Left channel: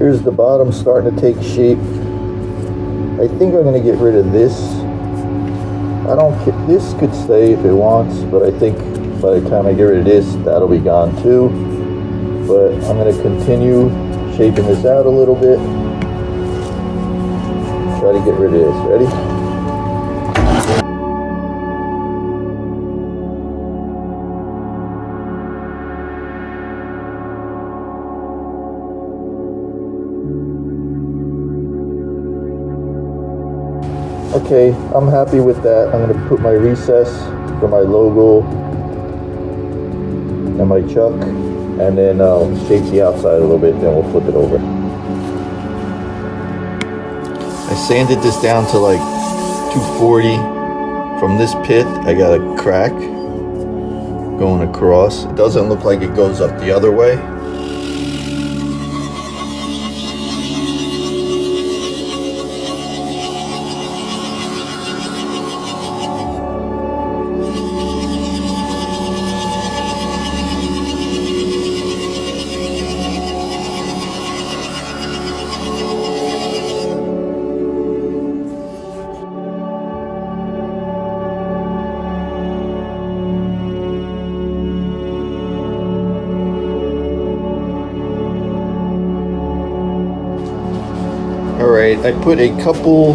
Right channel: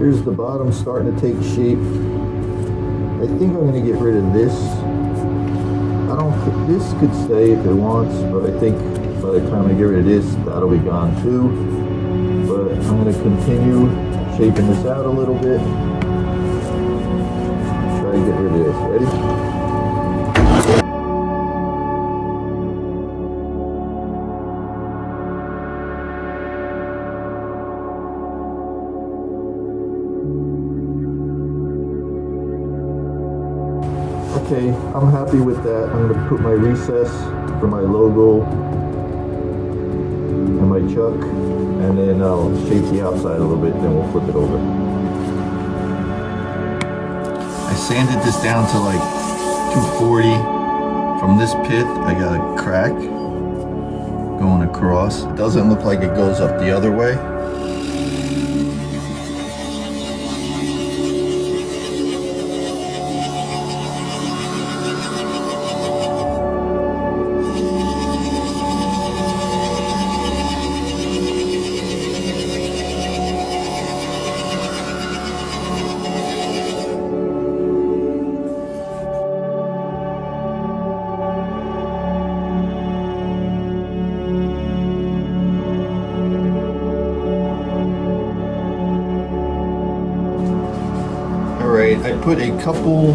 Here's the bottom starting to take shape. I think I'm gonna get rid of this. I don't care, this could stay if it wants, but I think by the time I get rid of this, that'll be gone too. But I'm gonna continue shaping this out a little bit. Try to get rid of this. Ready? Okay, I'm happy with that. I'm going to put my recess for my logo and my chuck, and then I'll shape the outside a little bit, and then we'll flip it over. I sanded this down to like 240. From this pit, I got a crack going across. It doesn't look like it goes up the other way. I put a couple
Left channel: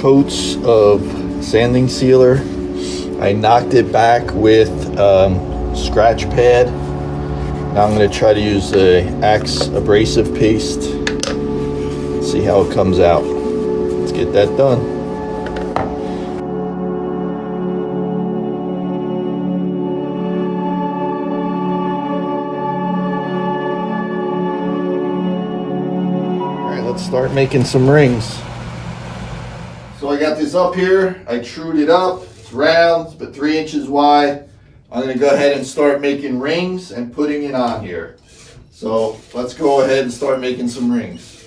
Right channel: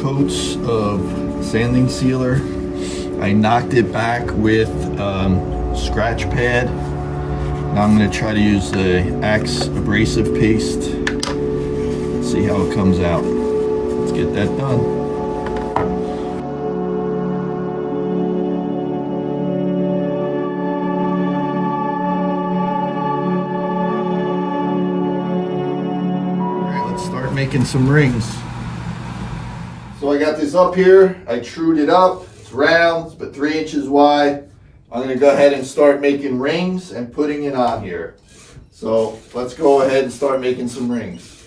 coats of sanding sealer. I knocked it back with scratch pad. Now I'm going to try to use the Axe abrasive paste. See how it comes out. Let's get that done. Start making some rings. So I got this up here. I trued it up. It's round, but 3 inches wide. I'm going to go ahead and start making rings and putting it on here. So let's go ahead and start making some rings.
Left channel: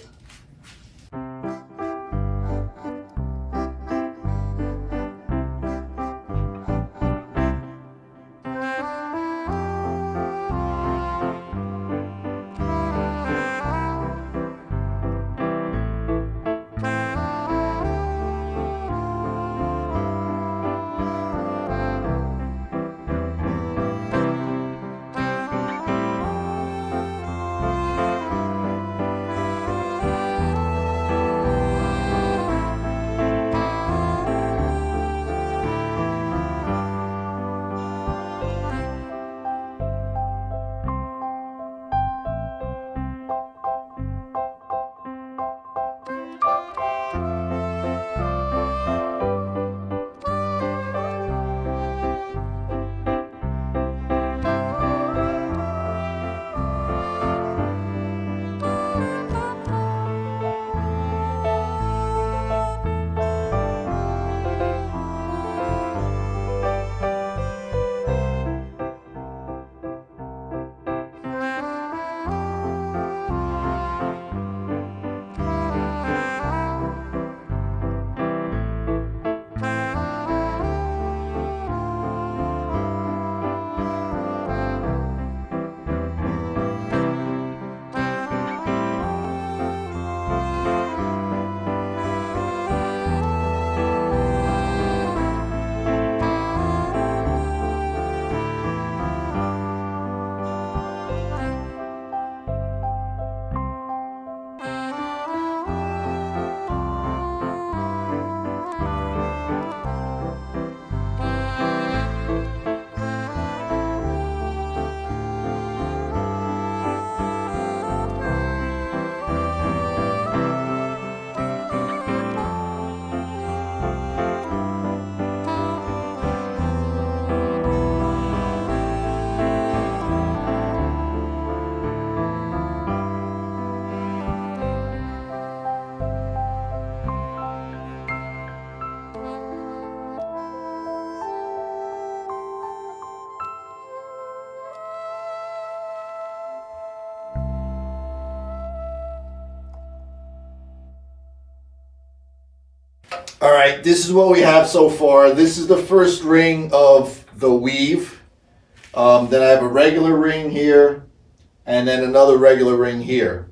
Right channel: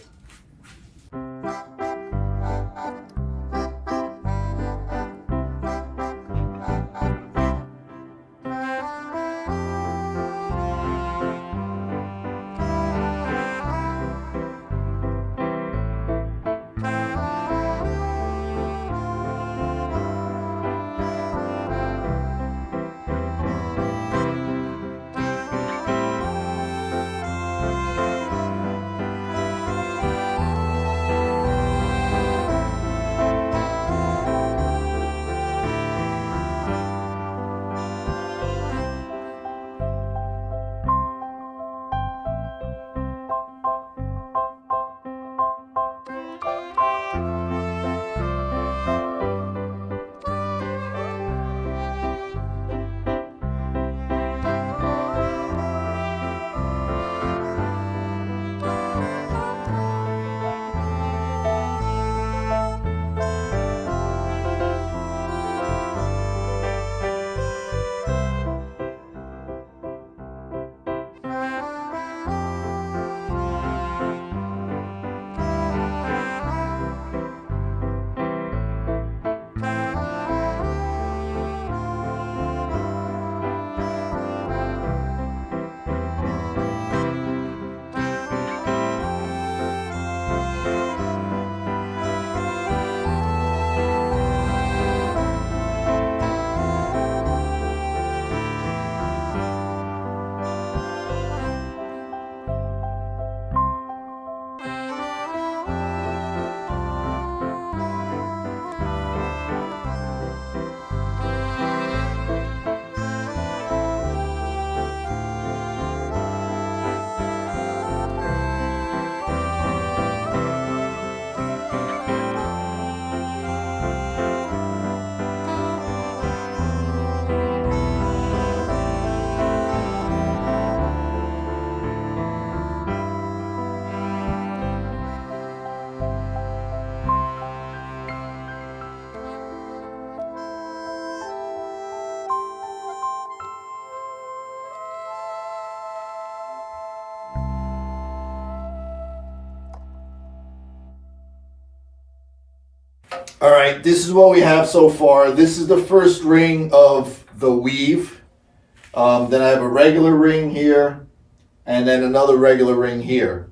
All right, this is what we have so far. This is the first ring of the weave. Then I have a regular ring here, and then another regular ring here.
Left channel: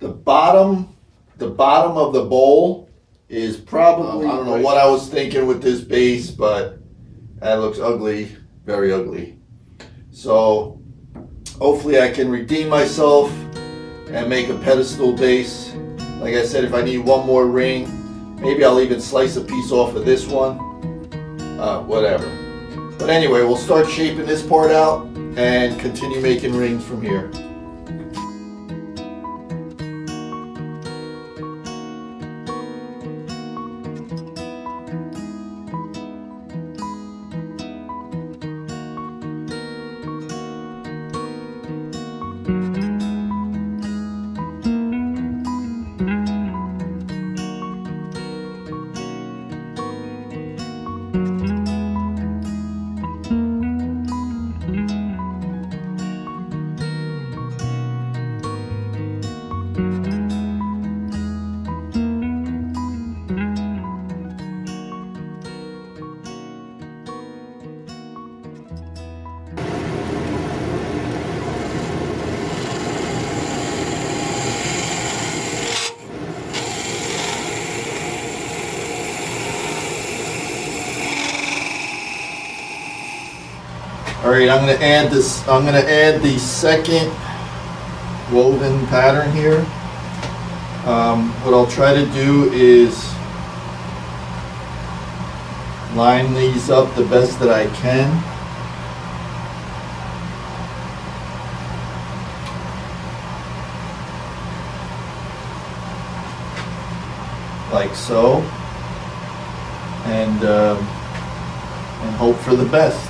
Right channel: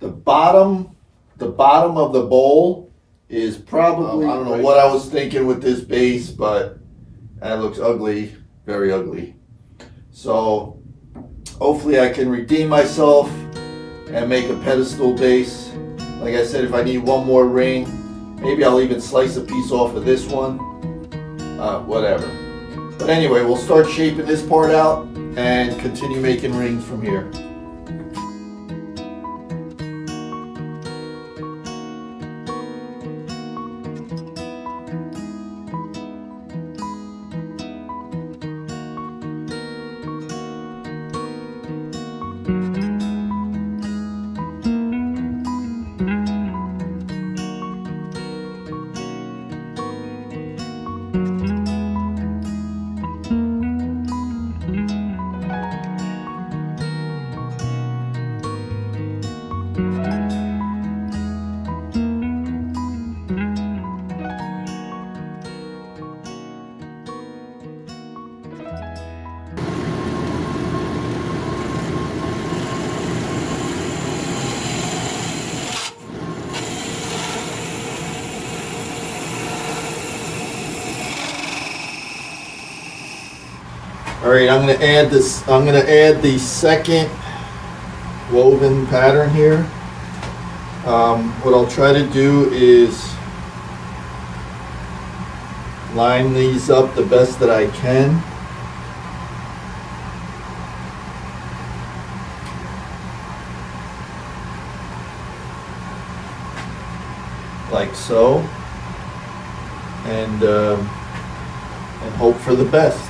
the bottom of the bowl is probably, I don't know what I was thinking with this base, but that looks ugly, very ugly. So hopefully I can redeem myself and make a pedestal base. Like I said, if I need one more ring, maybe I'll even slice a piece off of this one, whatever. But anyway, we'll start shaping this part out and continue making rings from here. All right, I'm gonna add this. I'm gonna add the second woven pattern here. What I'll try to do is line these up the best that I can. Like so, and hope for the best.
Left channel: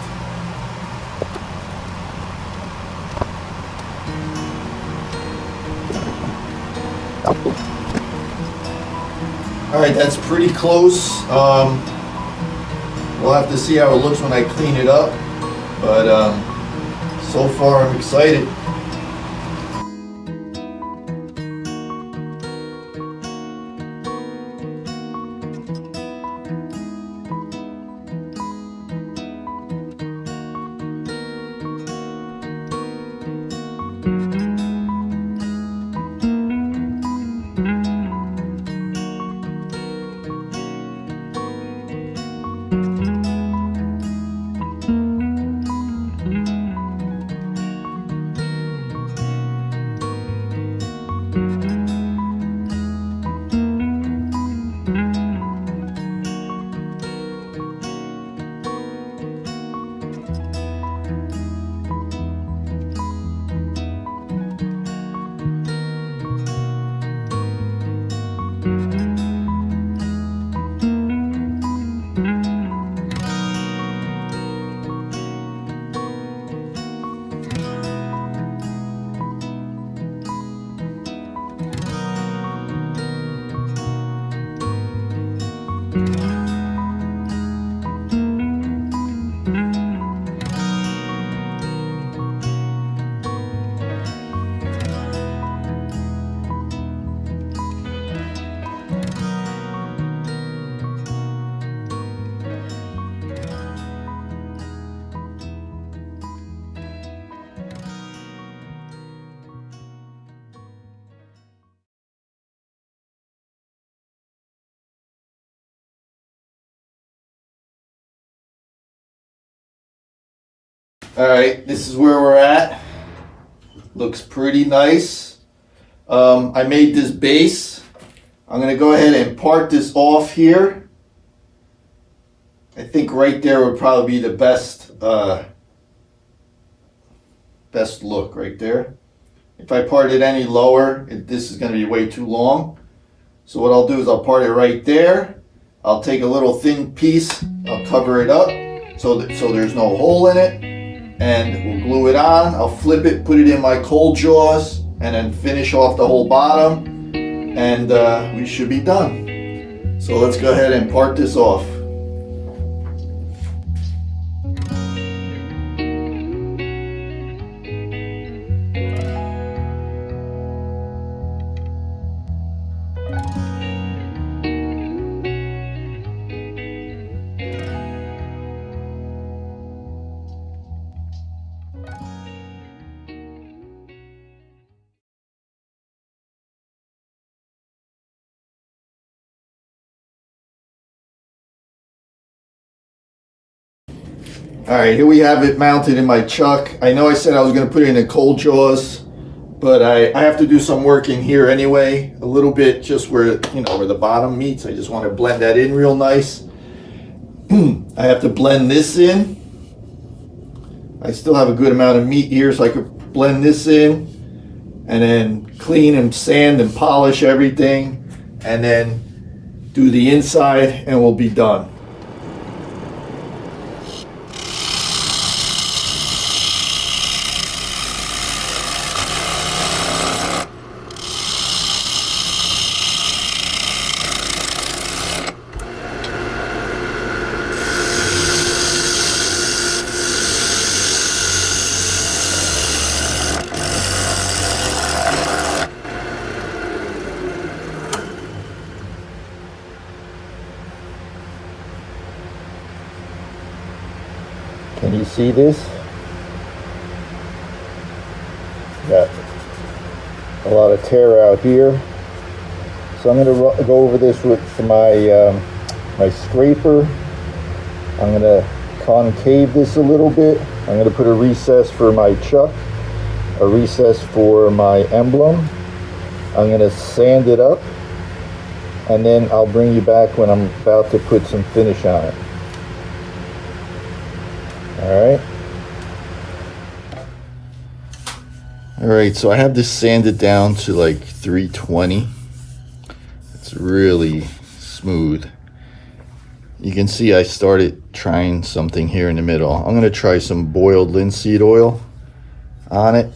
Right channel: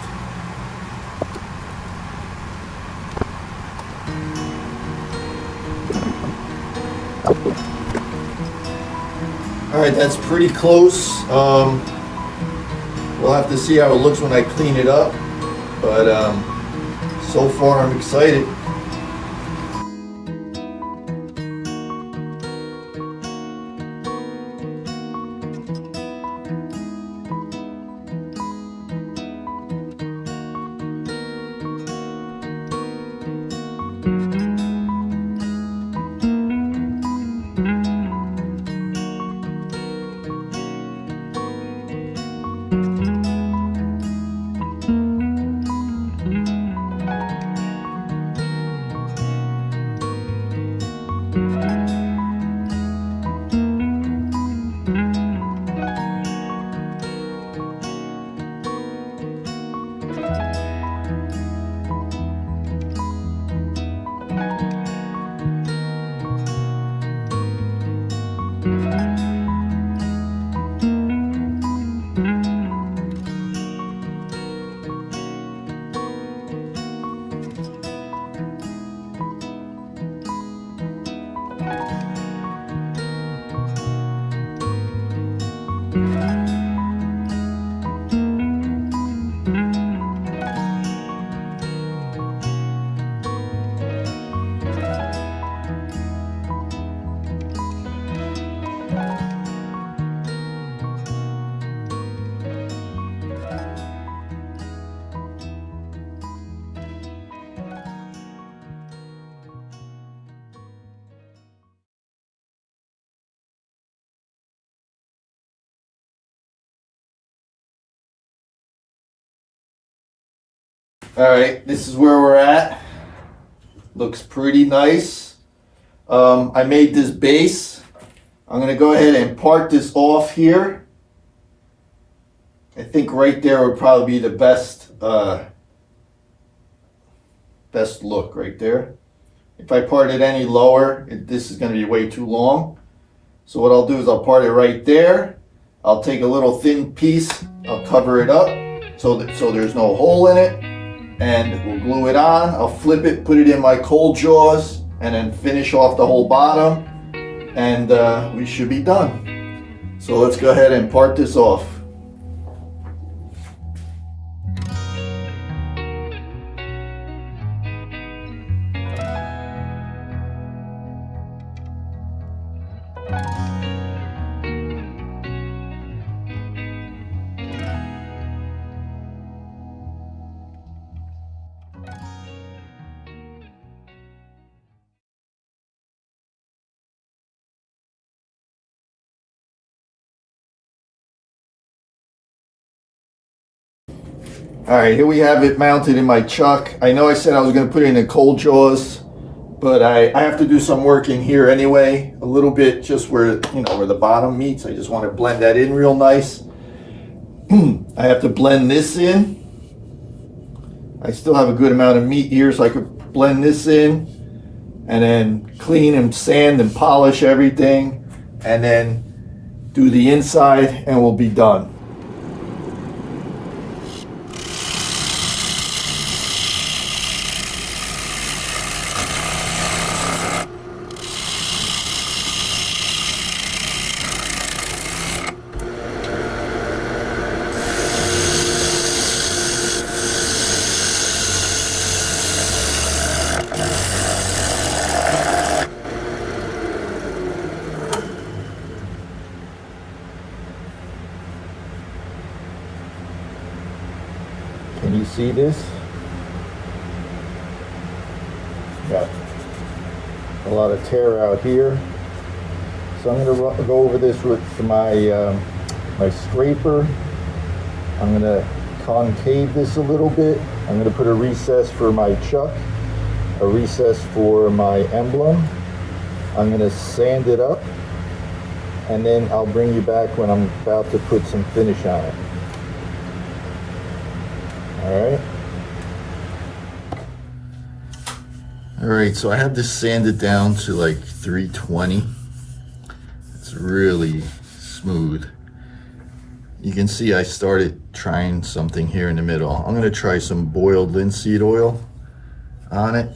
All right, that's pretty close. We'll have to see how it looks when I clean it up, but so far I'm excited. All right, this is where we're at. Looks pretty nice. I made this base. I'm gonna go ahead and part this off here. I think right there would probably be the best best look right there. If I part it any lower, this is gonna be way too long. So what I'll do is I'll part it right there. I'll take a little thin piece, I'll cover it up so there's no hole in it, and we'll glue it on. I'll flip it, put it in my cold jaws, and then finish off the whole bottom, and we should be done. So let's go ahead and part this off. All right, here we have it mounted in my chuck. I know I said I was going to put it in cold jaws, but I have to do some work in here anyway, a little bit just where, you know, where the bottom meets. I just want to blend that in real nice. I have to blend this in. I still have a good amount of meat here, so I could blend this in and then clean and sand and polish everything and then do the inside and we'll be done. Can you see this? Got a lot of tear out here. So I'm going to go over this with my my scraper. I'm going to concave this a little bit. I'm going to put a recess for my chuck, a recess for my emblem. I'm going to sand it up, and then I'll bring you back when I'm about to put some finish on it. All right, so I have this sanded down to like 320. It's really smooth. You can see I started trying something here in the middle. I'm gonna try some boiled linseed oil on it.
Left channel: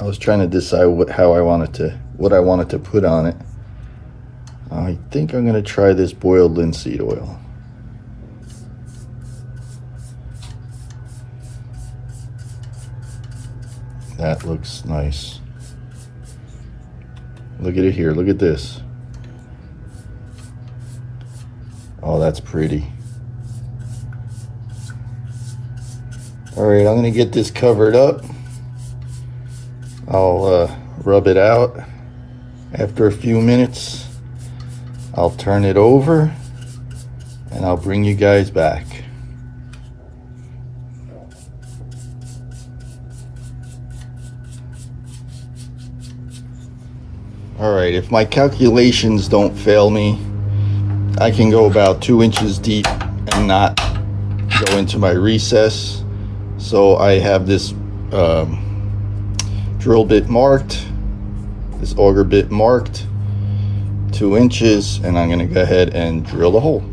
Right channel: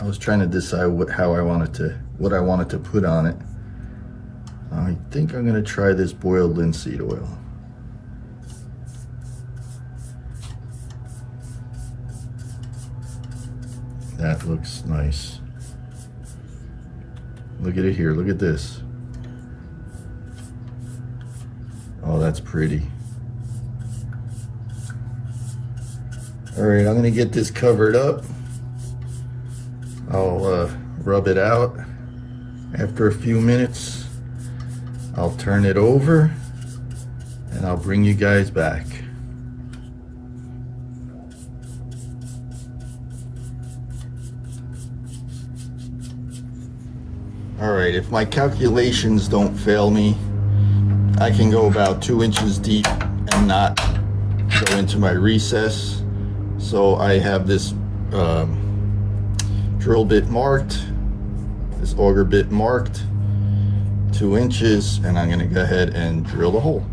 I was trying to decide what I wanted to put on it. I think I'm gonna try this boiled linseed oil. That looks nice. Look at it here, look at this. Oh, that's pretty. All right, I'm gonna get this covered up. I'll rub it out. After a few minutes, I'll turn it over and I'll bring you guys back. All right, if my calculations don't fail me, I can go about 2 inches deep and not go into my recess. So I have this drill bit marked, this auger bit marked, 2 inches, and I'm gonna go ahead and drill a hole.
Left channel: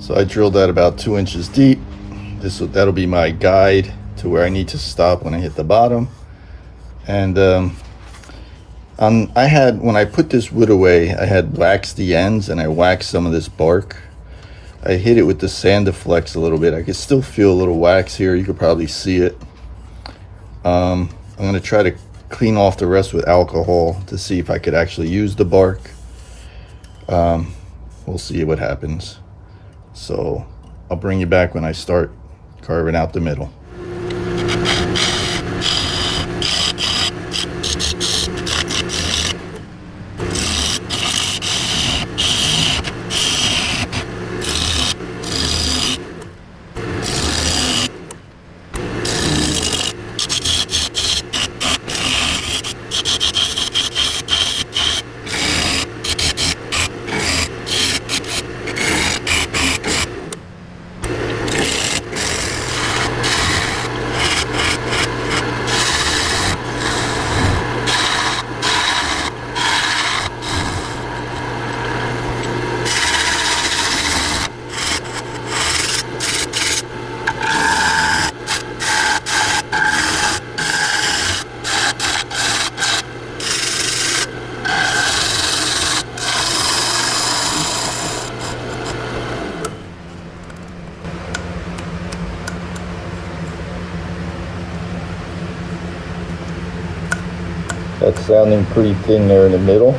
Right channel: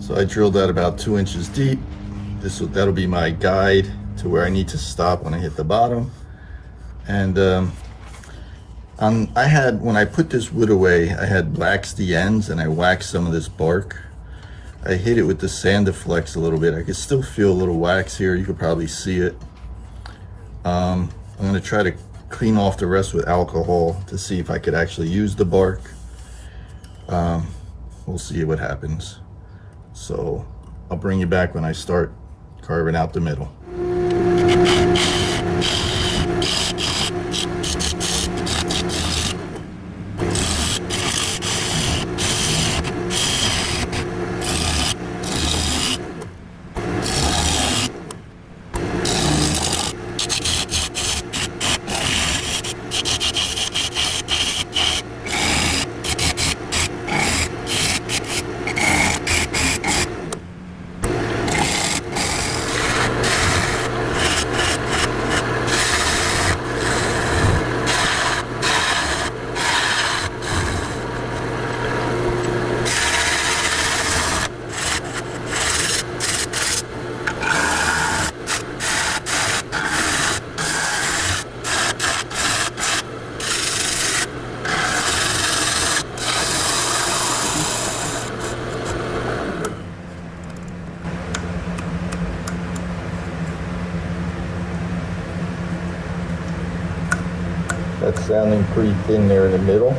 So I drilled that about 2 inches deep. That'll be my guide to where I need to stop when I hit the bottom. And when I put this wood away, I had waxed the ends and I waxed some of this bark. I hit it with the Sandiflex a little bit. I can still feel a little wax here. You could probably see it. I'm gonna try to clean off the rest with alcohol to see if I could actually use the bark. We'll see what happens. So I'll bring you back when I start carving out the middle. That's sounding pretty thin there in the middle.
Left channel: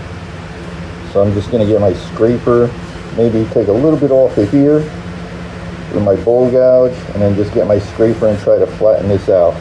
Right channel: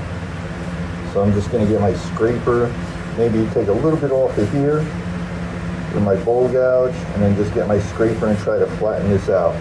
So I'm just gonna get my scraper, maybe take a little bit off of here, with my bowl gouge, and then just get my scraper and try to flatten this out.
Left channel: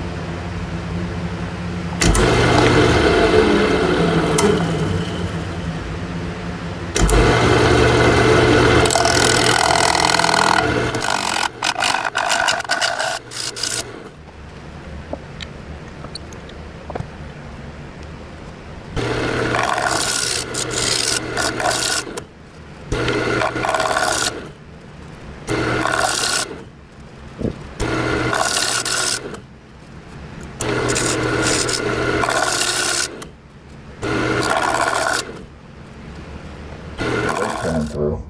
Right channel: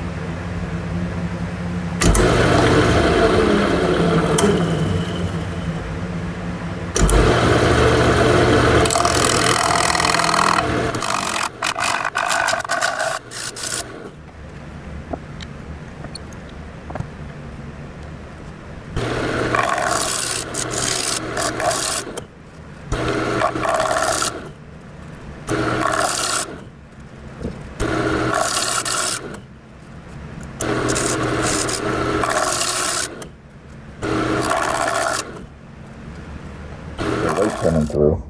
Coming through.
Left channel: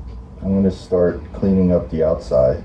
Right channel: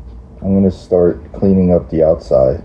I'm going to start cleaning up the outside.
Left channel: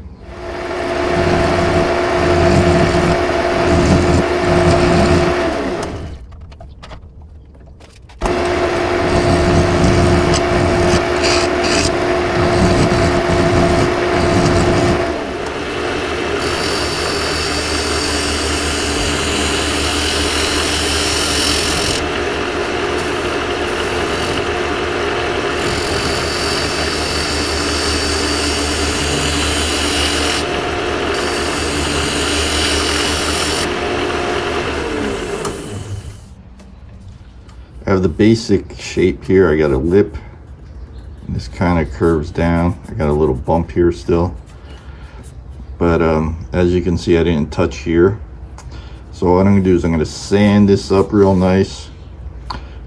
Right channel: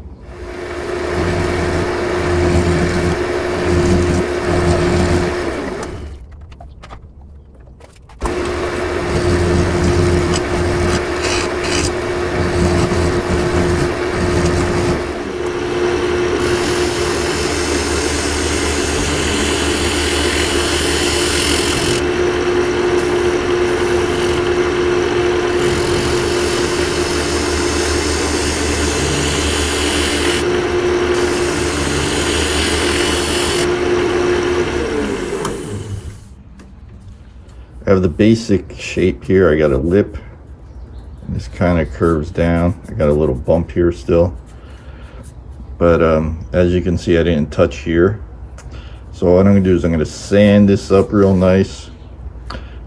I have the basic shape here. I got a lip, and this kind of curves down. I got a little bump here still, but as you can see, I didn't touch here. So what I'm gonna do is I'm gonna sand this up real nice,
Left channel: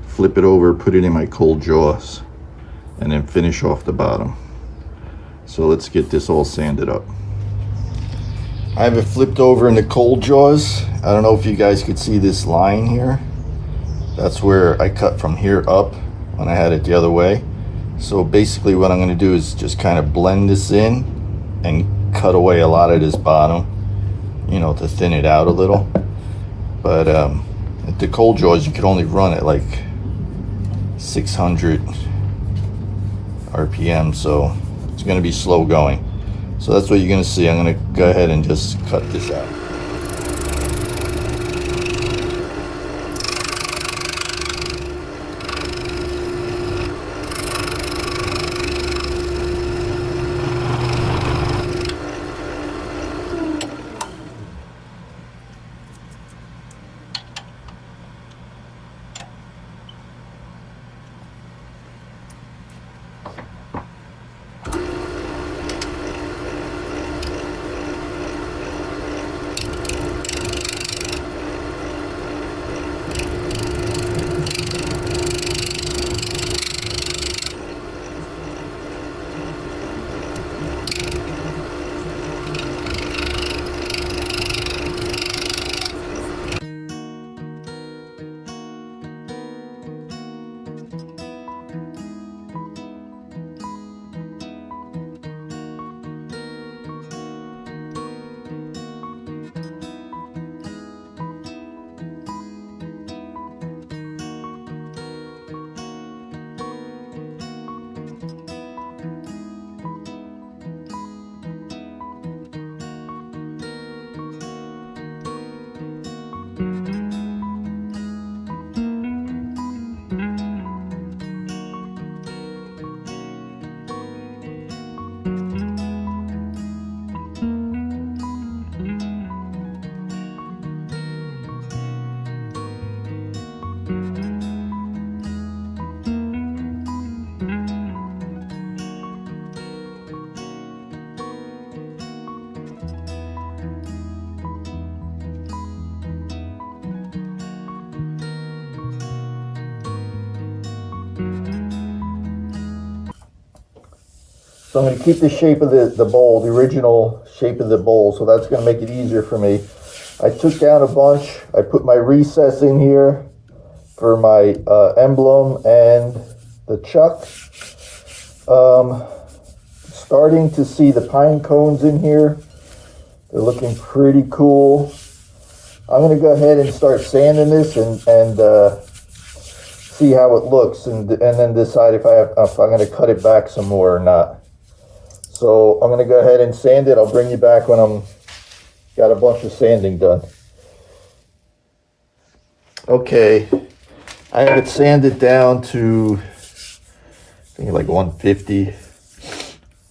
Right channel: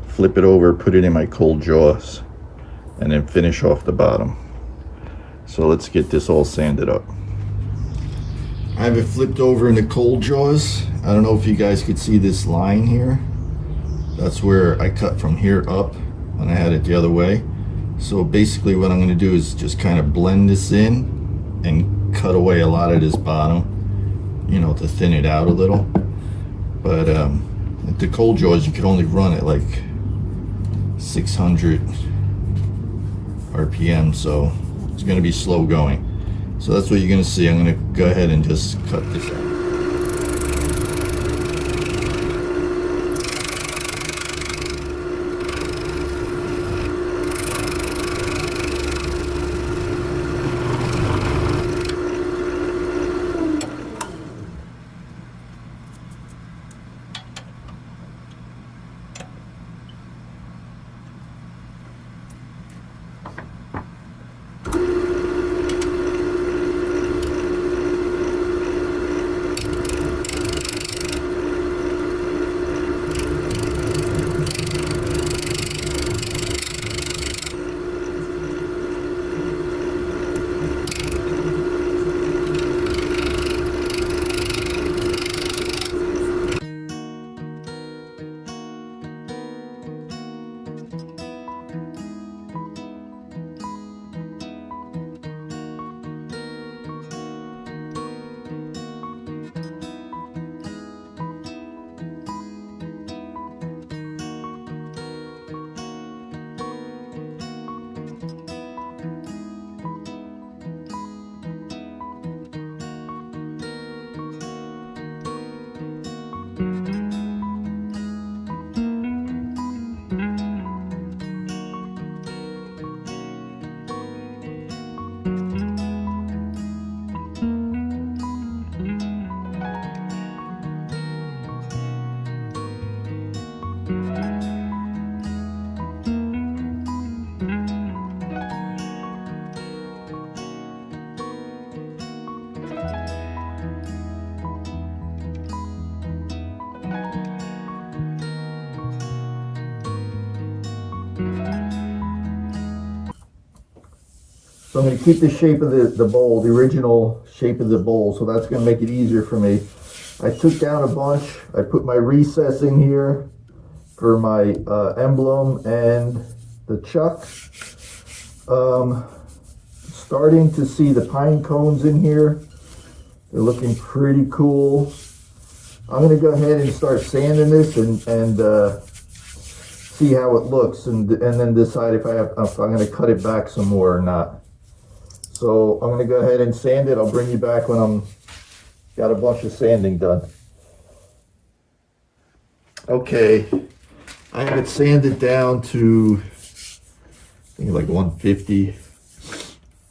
flip it over, put it in my cold jaws, and then finish off the bottom. So let's get this all sanded up. I have it flipped over in the cold jaws. I don't know if you guys could see this line here. That's where I cut from here up when I had it the other way. So basically what I'm going to do is just kind of blend this in and cut away a lot of this bottom, you know, to thin it out a little. But at the cold jaws, you could only run it like 600 RPM, so it's going to be slow going. So that's what you're going to see. I'm going to go ahead and just cut this out. So I'm going to keep the shape of the bowl, the original shape of the bowl, so that's going to make it easier for me. I took down a bunch. I put my recess in here for my emblem and the chuck. Starting to see the pine cones in here. They're looking pretty cool. I'm going to go ahead and start sanding this and see how it looks, and then decide if I'm going to cut it back some more or not. So I'm going to go ahead and sand it. I'll bring you back when I'm got a bunch of sanding done. Okay, I have it sanded down to I think like 150.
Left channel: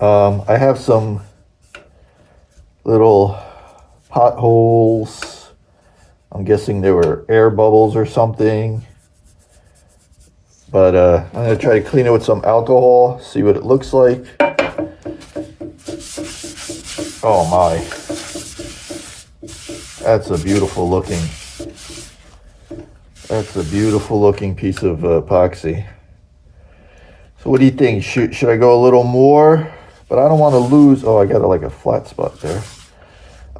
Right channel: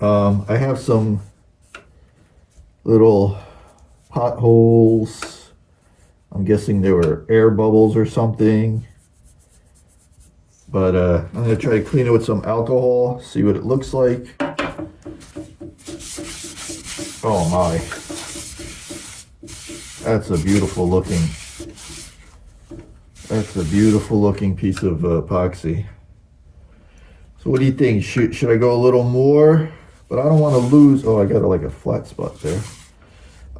I have some little potholes. I'm guessing there were air bubbles or something. But I'm going to try to clean it with some alcohol, see what it looks like. Oh my. That's a beautiful looking piece of epoxy. So what do you think? Should I go a little more? But I don't want to lose, oh, I got like a flat spot there.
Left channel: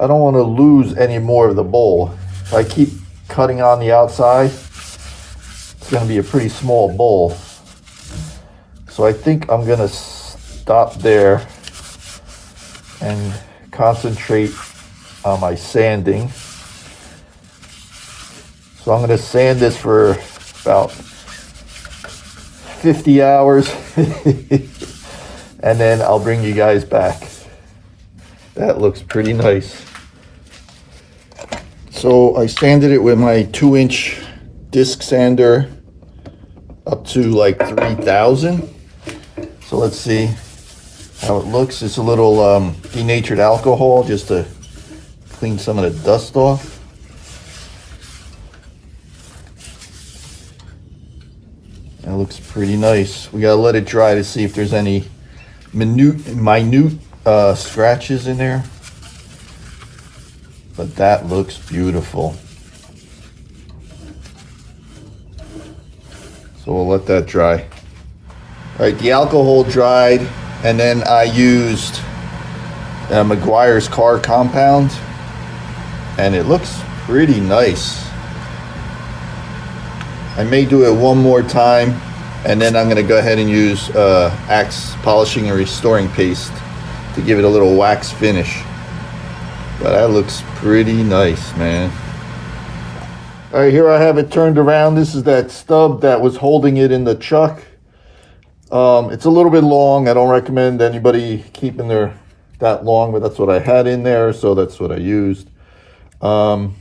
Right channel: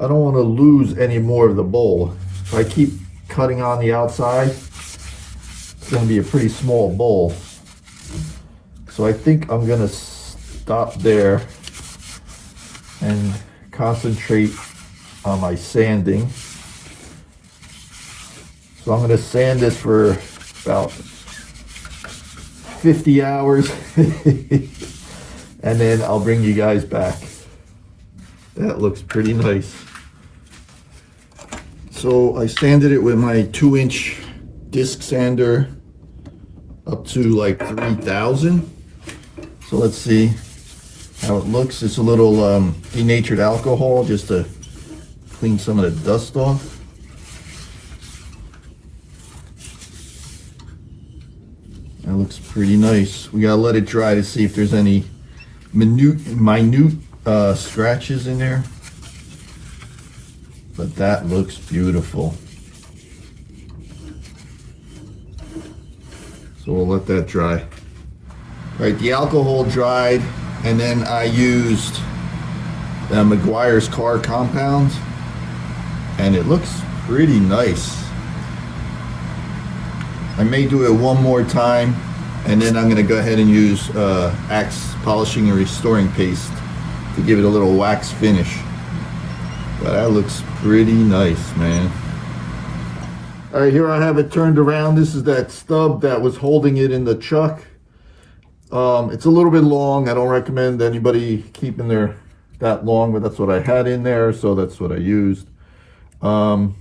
I don't want to lose any more of the bowl. If I keep cutting on the outside, it's going to be a pretty small bowl. So I think I'm going to stop there and concentrate on my sanding. So I'm going to sand this for about 50 hours and then I'll bring you guys back. That looks pretty nice. So I sanded it with my 2-inch disc sander up to like 3,000. So let's see how it looks. It's a little denatured alcohol just to clean some of the dust off. That looks pretty nice. We gotta let it dry to see if there's any minute scratches in there. But that looks beautiful. So we'll let that dry. All right, the alcohol dried, and then I used McGuire's car compound, and it looks pretty nice. I may do it one more time, and then I'm going to go ahead and use Axe polishing and restoring paste to give it a little wax finish. But that looks pretty nice, man. All right, here I have it turned around. This is that stub that was holding it in the chuck. It's a little bit long. I don't recommend anybody keeping their that long, but that's what I had in there, so that's what I used. So I'm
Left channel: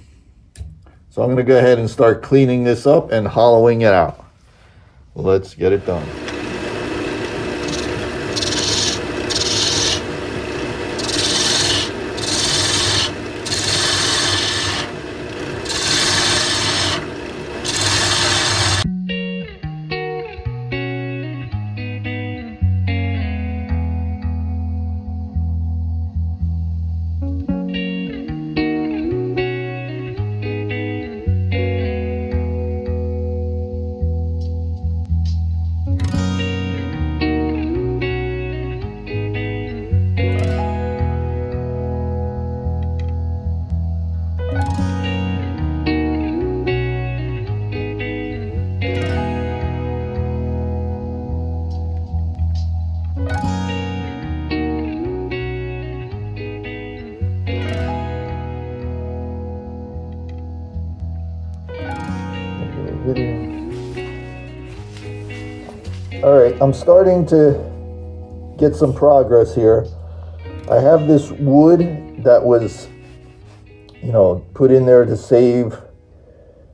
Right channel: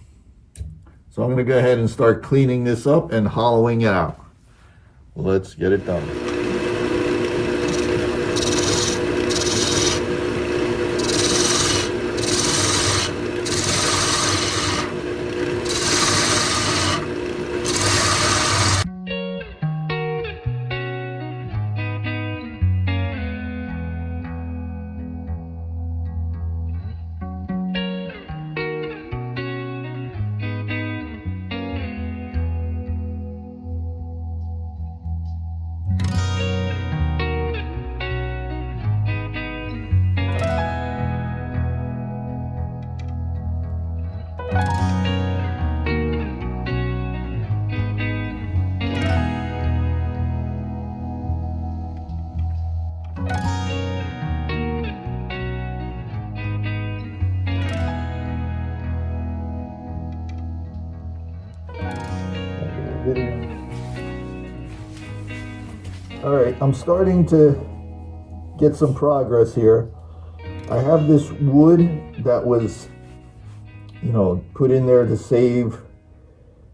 going to go ahead and start cleaning this up and hollowing it out. Let's get it done. All right, I'm starting to get some progress here. I have this wood that was, put in there to save,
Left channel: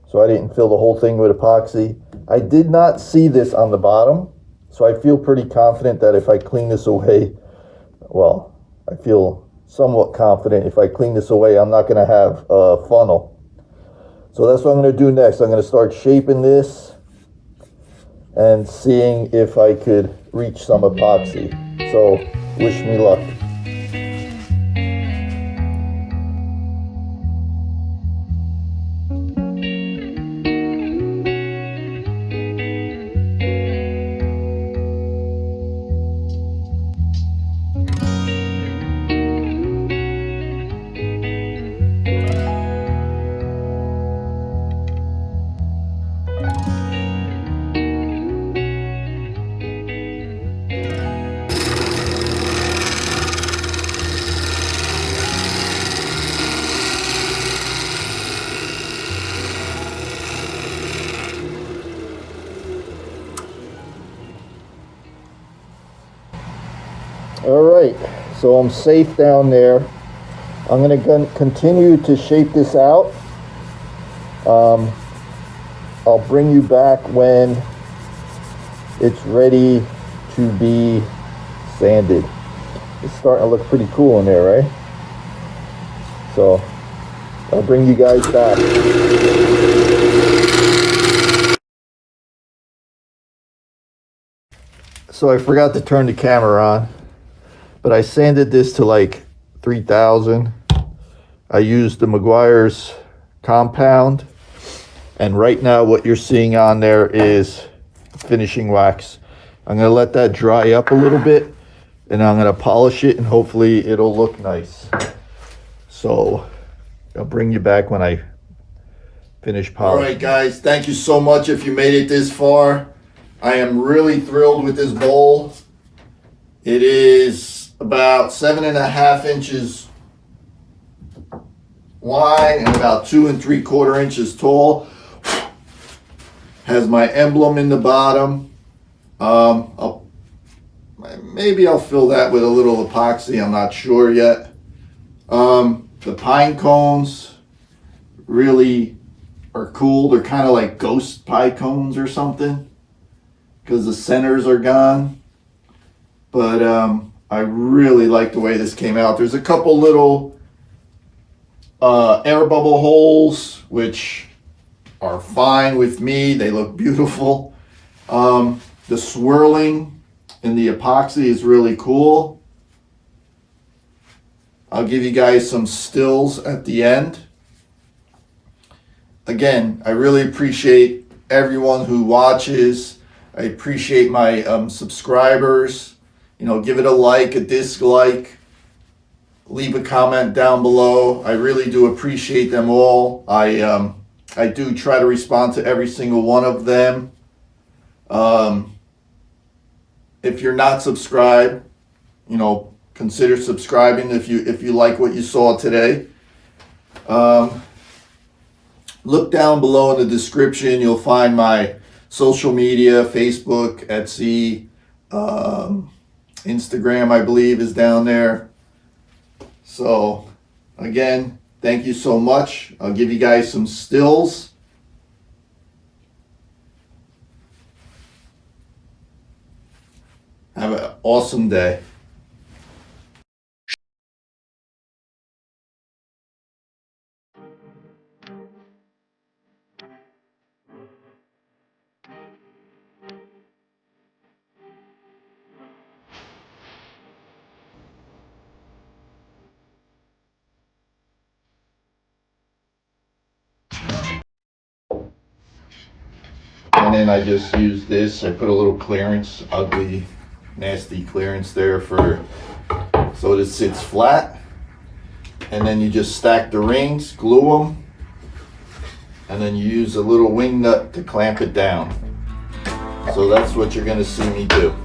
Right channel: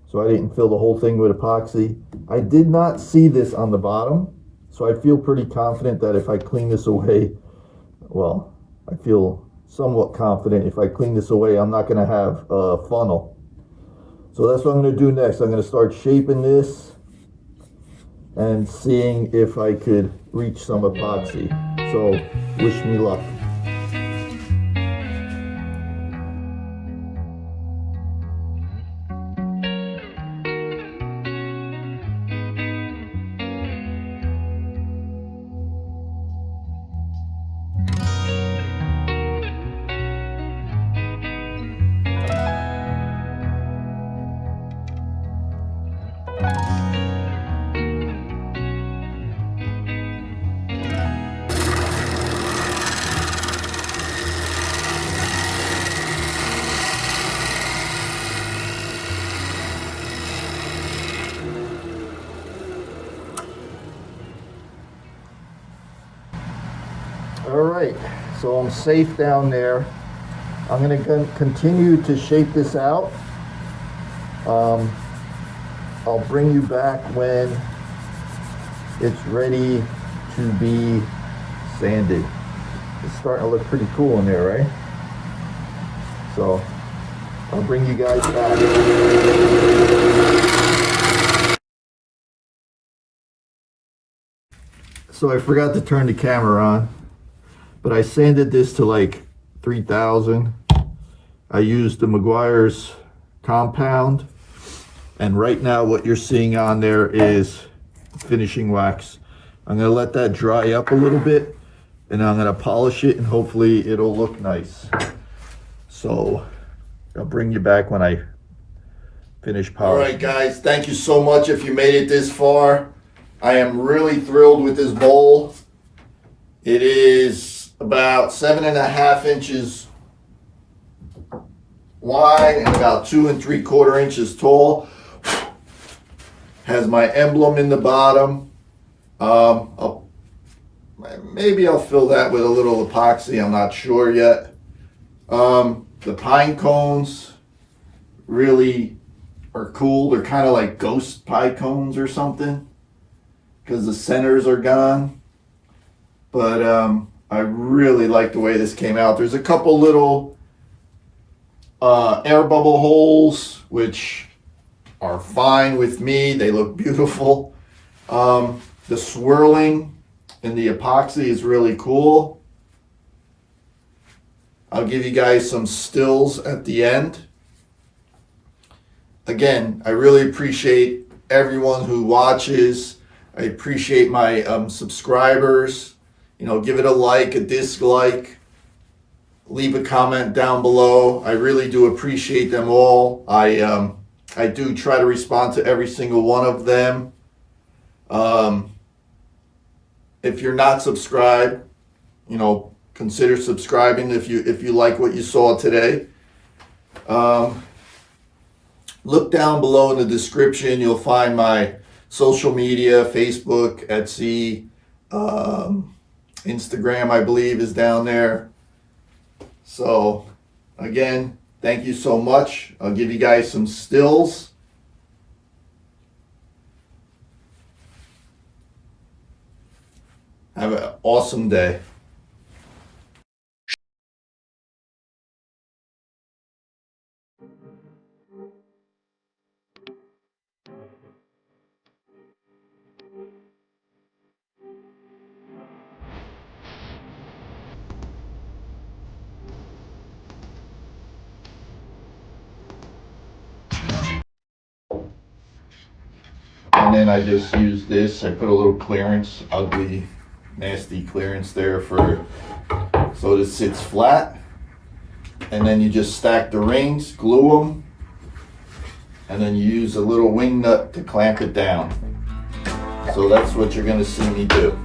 so I didn't fill the whole thing with epoxy. I did not see this on the bottom, so I feel pretty confident that if I clean this away, well, I feel somewhat confident if I clean this away, I'm not gonna have a funnel. So that's what I'm gonna do next. I'm gonna start shaping this and seeing if I could reach some epoxy. So wish me luck. All right, so I'm safe down there. I'm going to continue to shape this out. I'll bring you back when it's ready to be sanded. It's starting to look pretty cool in there, right? So I'll bring you guys back. So I forgot to turn the camera on, but I sanded this to like 3000. I used the Meguiar's compound, and right now what you're seeing on there is finishing wax. I'm gonna let that dry up a little bit, and I'm gonna polish it, and hopefully it'll look nice. So I'll bring you back when I finish polishing. All right, guys, thank you so much if you made it this far. I am really thrilled with this bowl. It is about 7.5 inches wide and about 2 3/4 inches tall. Has my emblem in the bottom. Maybe I'll fill that with a little epoxy. I'm not sure yet. The pine cones really are cool. They're kind of like ghost pine cones or something, because the centers are gone. But I really like the way this came out. There's a couple little air bubble holes, which are fine with me. They look beautiful. The swirling in the epoxy is really cool. I'll give you guys some stills at the end. Again, I really appreciate everyone who watches. I appreciate my subscribers. You know, give it a like, a dislike, leave a comment down below. I really do appreciate them all. I do try to respond to every single one of them. If you're not subscribed, you know, consider subscribing if you like what you saw today. Look down below in the description. You'll find my social media: Facebook, Etsy, Instagram, I believe, is down there. So again, thank you so much. I'll give you guys some stills. Have an awesome day. And then I just use this. I put a little clearance, ugly, nasty clearance there so it sits flat. And then you just stack the rings, glue them, and then you use a little wing nut to clamp it down. So that's what you're gonna see me do.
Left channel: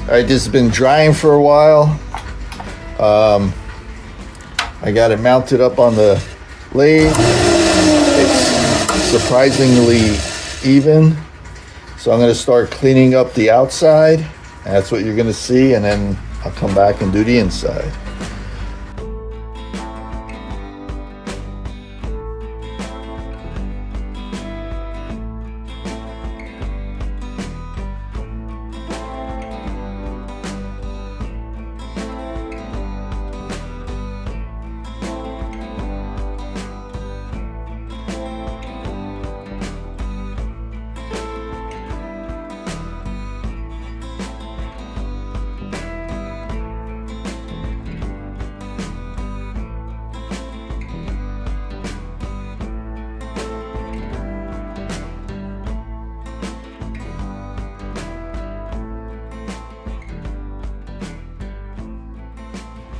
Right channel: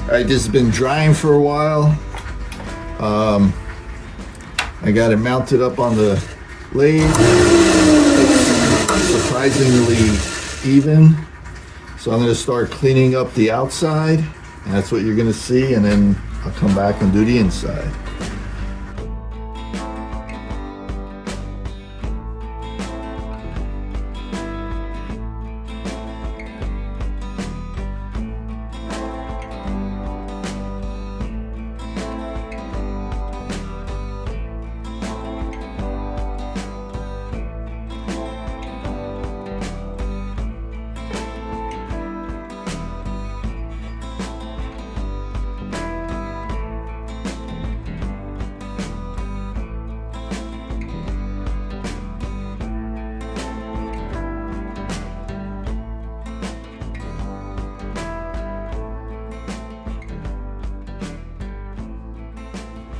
All right, this has been drying for a while. I got it mounted up on the lathe. It's surprisingly even. So I'm gonna start cleaning up the outside. And that's what you're gonna see, and then I'll come back and do the inside.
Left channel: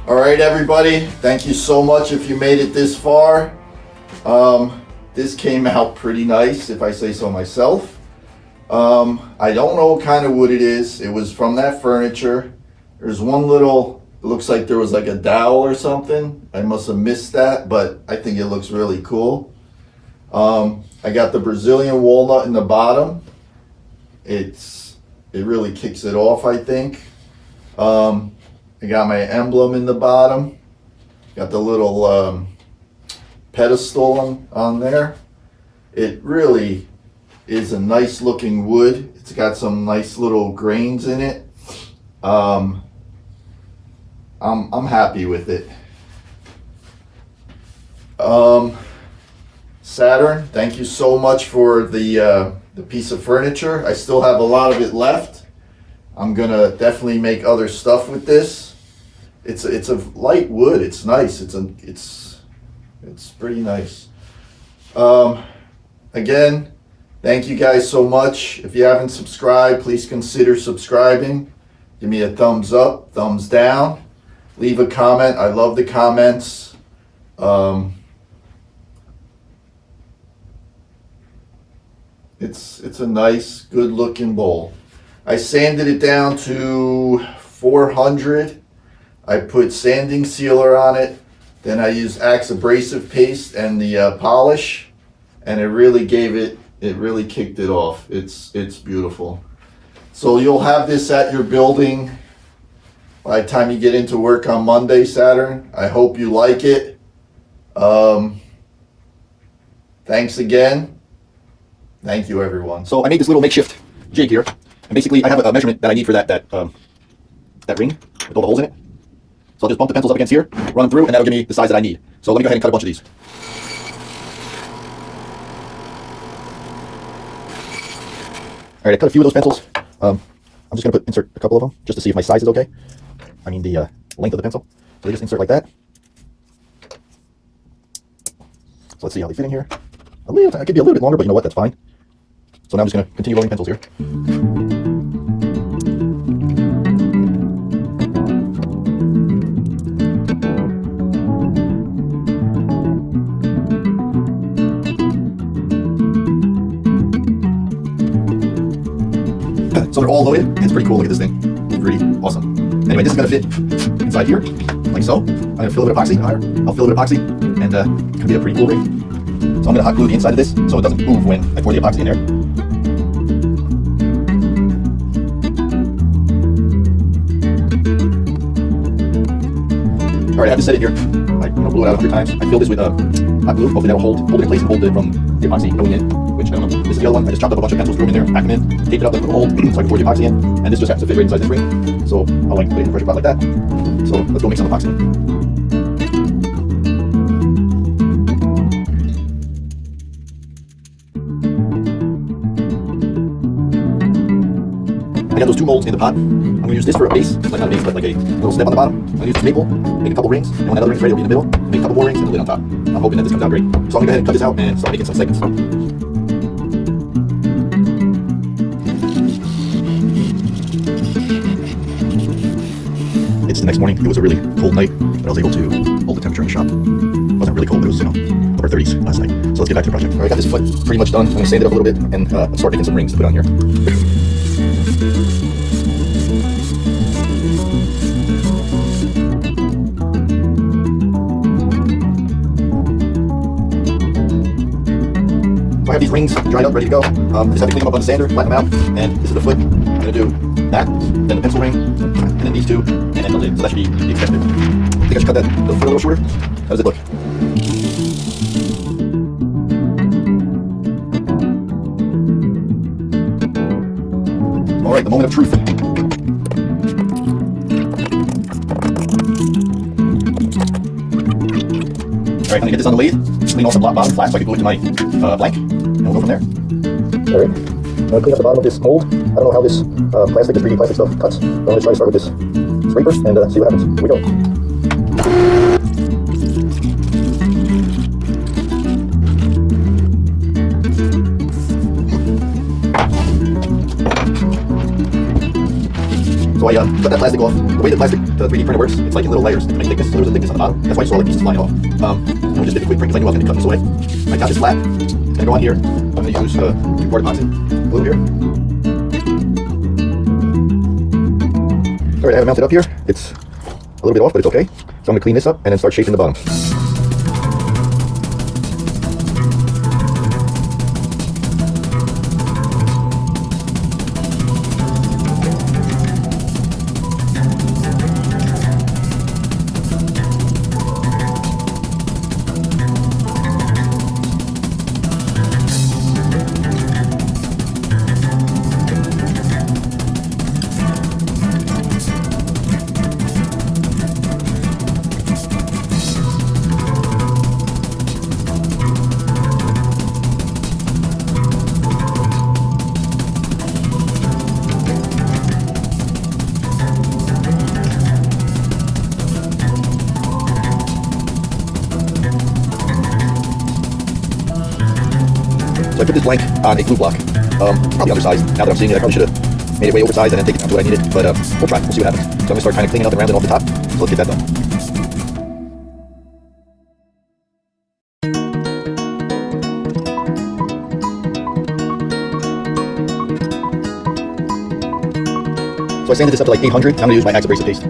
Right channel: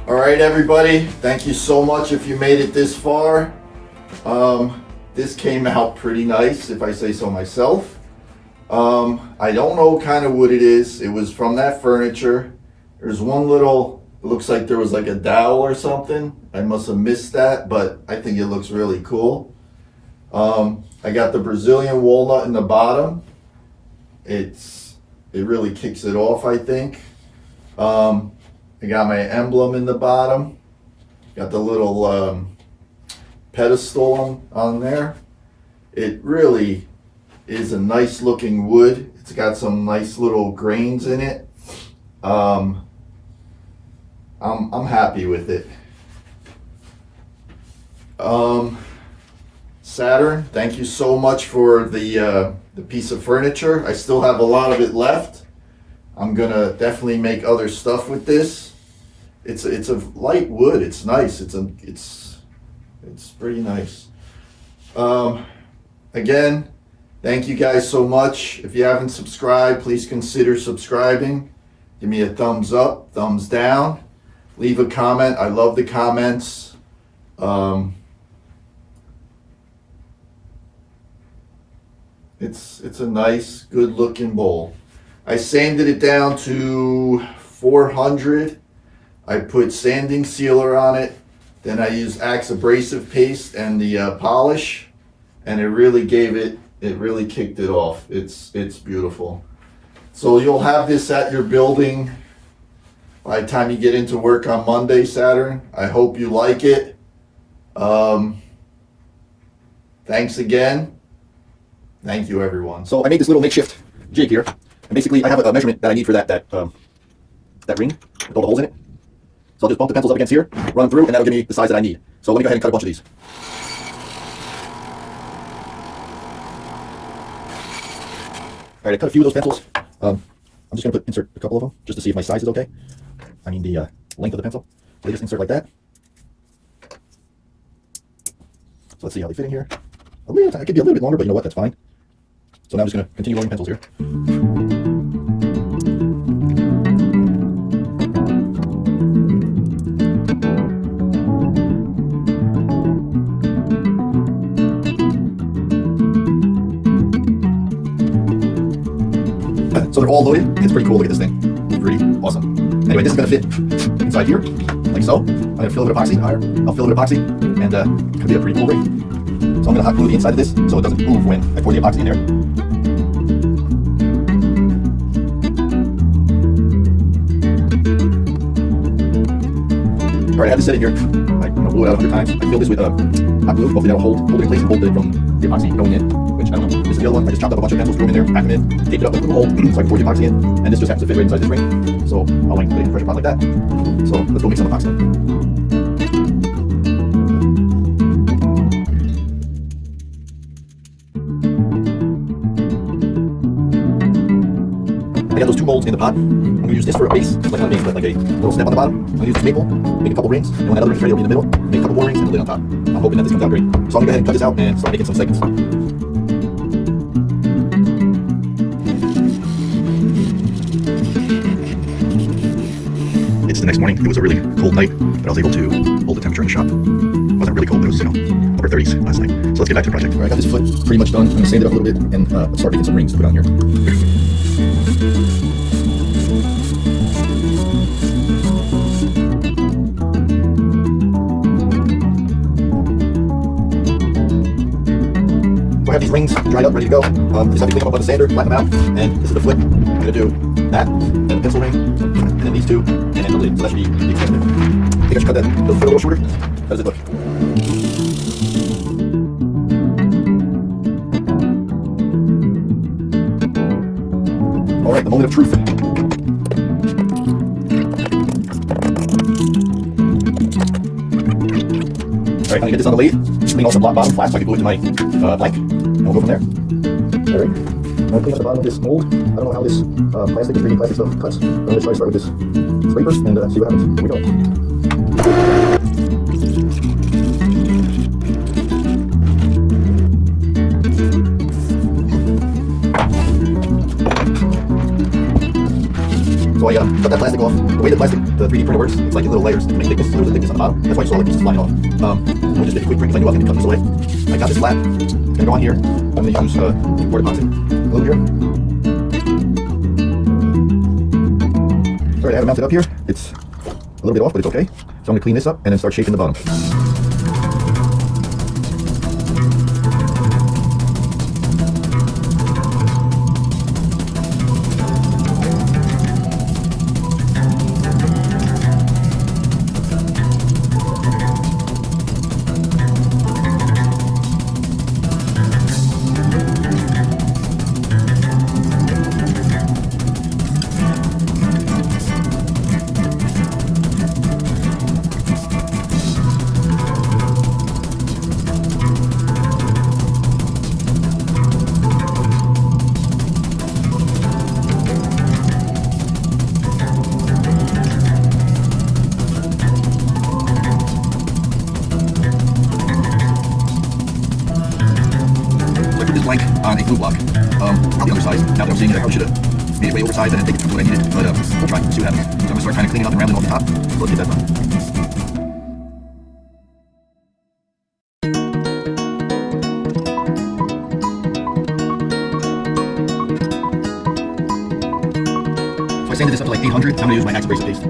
All right, everybody, thank you so much if you made it this far. This came out pretty nice, if I say so myself. I don't know what kind of wood it is. It was from that furniture. There's one little, it looks like there was like a dowel or something. I must have missed that, but I think it looks really cool. I got the Brazilian walnut in the bottom. it really kicks it off, I think. I got my emblem in the bottom. Got the little pedestal on there. It really is a nice looking wood. It's got some nice little grains in it. I'm happy with it. Saturn, thank you so much for the piece of furniture. I still have a lot of it left. I'm gonna definitely make other stuff with this. It's a light wood. It's nice. It's pretty nice. Again, thank you guys so much. If you haven't subscribed, please consider subscribing. Give me a thumbs up, thumbs down. Leave a comment. I love the comments. It's a nice, good looking bowl. I sanded it down to 400. I put sanding sealer on it. Then I used Axe abrasive paste and the polish, and it really kicked it off. It's beautiful. So you'll have this at your building by the time you get into work on Monday, Saturn. I hope you like it. Thanks again. Thank you, everyone. So I made this little makeshift jig here. And basically, I have a measurement that I need for that ring with all the holes in it. So I'll just bump the pencils up against here, run them through, and that'll give me the size that I need. So let me go ahead and cut a bunch of these. All right, I cut a few of those pencils. I'm just going to insert a couple of them just to see if my size is okay. I mean the length of the pencil. So you just insert like that. So let's see how they fit in here. It could be a little bit longer, but you know what? That's fine. So now I'm just going to continue loading pencils here. So they're all loaded. It's pretty cool. Look at this thing. It's pretty awesome. Anyway, this is going to fit inside here, like so. I'm going to fill it with epoxy. I'll fill it with epoxy, and it could be a pretty cool ring. So I'm going to hot glue the inside of this so it doesn't move when I pour the epoxy in there. All right, I have this set in here. I blow it out 100 times. I fill this with hot glue. Hopefully that'll hold it in place and hold it from the epoxy going in, which I don't know. This is the other one. I just chopped up a bunch of pencils, threw them in there, packed them in, taped it up with a little hole so I can pour the epoxy in. And this just happens to fit right inside this ring. So I'll like put it in a pressure pot like that. So let's go make some epoxy. I got those two molds in the pot. I'm going to use this for a base, like not a base, but like a little step on the bottom. I'm going to use this maple, make a couple rings, and when that other ring's ready, it'll be in the middle. Make a couple more rings and a lid on top. I'm hoping that this comes out great. So I'm going to go ahead and cut this out and start making some segments. It's the next morning. It was a really cold night, but I was able to hold the temperature in the shop. It wasn't really cold. It was, upper 30s last night. So let's get back to the project. All right, I got this foot pretty much done. I'm going to sand it up a little bit and start making some rings to put on here. I have these rings dried up, ready to go. I just have to clean them up with a sander, flatten them out, and this is the foot. I'm going to do that, then the pencil ring, and then these two, and then the lid. So that should be the extent. I think I should cut that the foot a little shorter. How does it look? All right, the moment of truth. All right, I'm going to get this on the lathe, clean off the bottom flat so I can go into my blank, and we'll go from there. All right, I'm going to clean up the bottom of this mold. I don't know how this plastic, this 3D plastic stuff cuts. I'm going to try to start with this scraper and see what happens. Here we go. So I cut that plastic off. The way the 3D printer works, it's like in little layers to make thickness. So there's a thickness on the bottom. That's why I saw like pieces flying off. I just did a quick print because I knew I was going to cut this away. I got this flat. It's going to go on here. I'm going to use 2-part epoxy glue here. All right, I have it mounted up here. It's a little bit off, but it's okay. So I'm going to clean this up and then start shaping the bottom. put this blank on a glue block. Probably undersized. Now that I'm seeing it, I probably should have made it way oversized and then take it down to what I needed. But we'll try. We'll see what happens. So I'm gonna start kind of cleaning up and rounding off the top. So let's get that done. So I sanded this up to like 800. Now I'm gonna use my axe abrasive paste.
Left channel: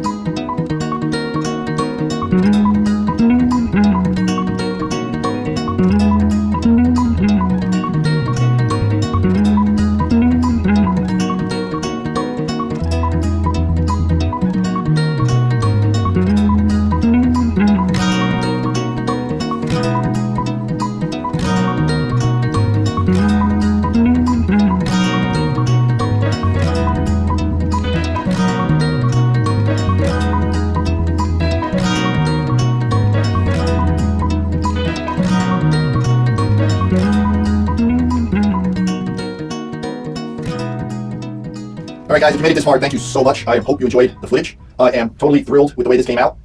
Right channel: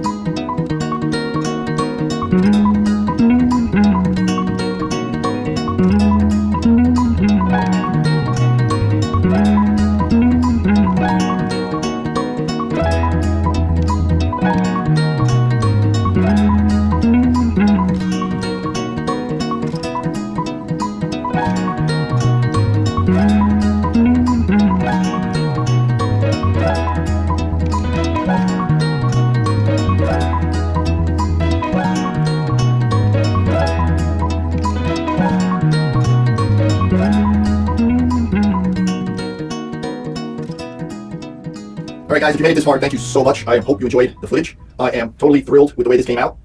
Alright guys, if you made it this far, thank you so much. I hope you enjoyed the footage. I am totally thrilled with the way this came out.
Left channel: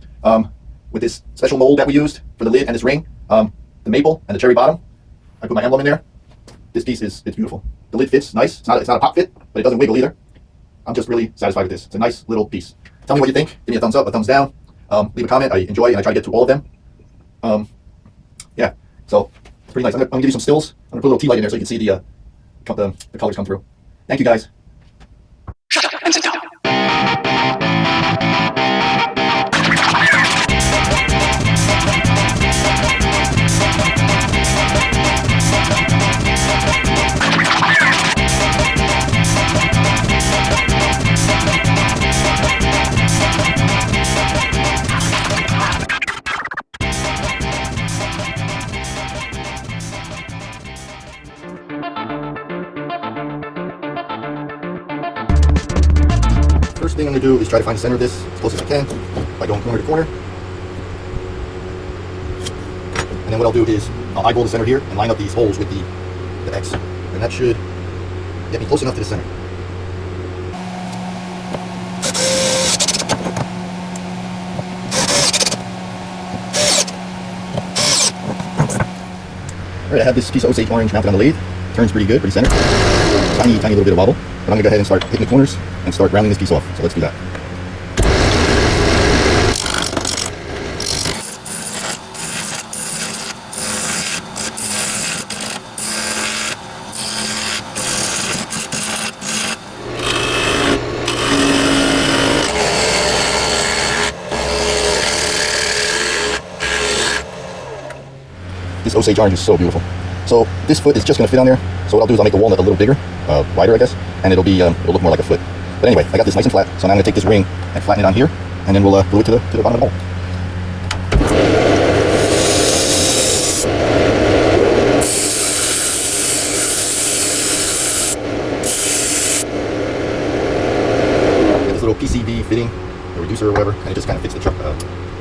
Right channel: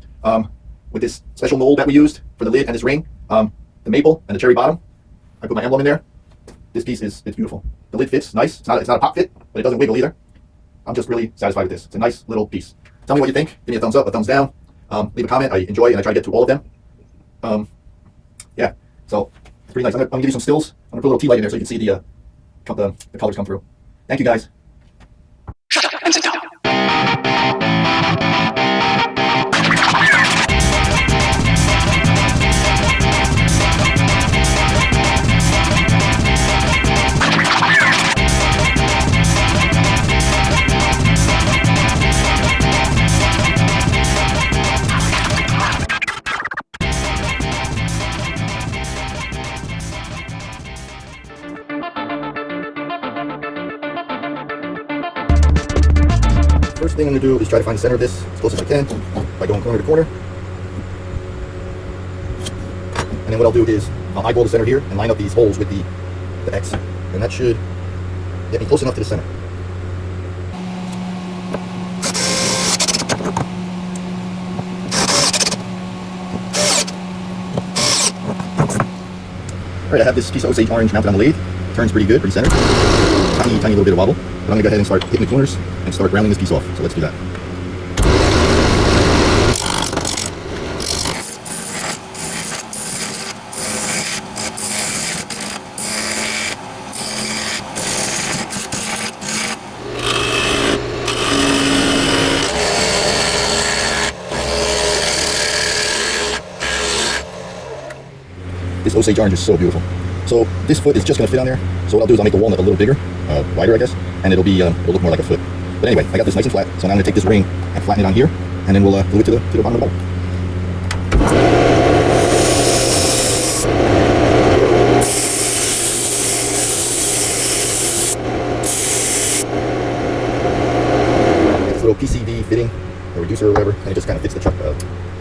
With this special mold that we used for the lid and this ring, the maple and the cherry bottom. I put my emblem in there. This piece it's beautiful. The lid fits nice. It's not a pop fit, but it doesn't wiggle either. I'm just really satisfied with this. It's a nice little piece. Tell me what you think. Give me a thumbs up, a thumbs down. Leave a comment. I enjoy it and I try to get to all of them. Yeah, so it's pretty nice. I'm gonna give you some stills. I'm gonna put a little tea light in there so you can see the colors come through. Thank you guys. Shut up and sit down. First thing I'm going to do is try to find the center of this as close as I can by going corner to corner. And then what I'll do is I'll eyeball the center here and line up these holes with the X. And that should get me close enough to the center. Alright, I have this piece of Osage orange mounted on the lathe. Turns pretty good, pretty centered. Tiny little bit of wobble. But I'm going to go ahead and start hitting the corners and start rounding this piece off. So let's do that. This Osage orange is so beautiful. So this foot is just going to fit on there. So what I'll do is I'll make the walnut a little bigger, wider I guess, and it'll look more like a foot. But anyway, I got this nice and flat, so now I'm going to take this ring and flatten it on here, and then we'll glue it to the bottom of the hole. This little PCV fitting, a reducer or whatever, and it just kind of fits the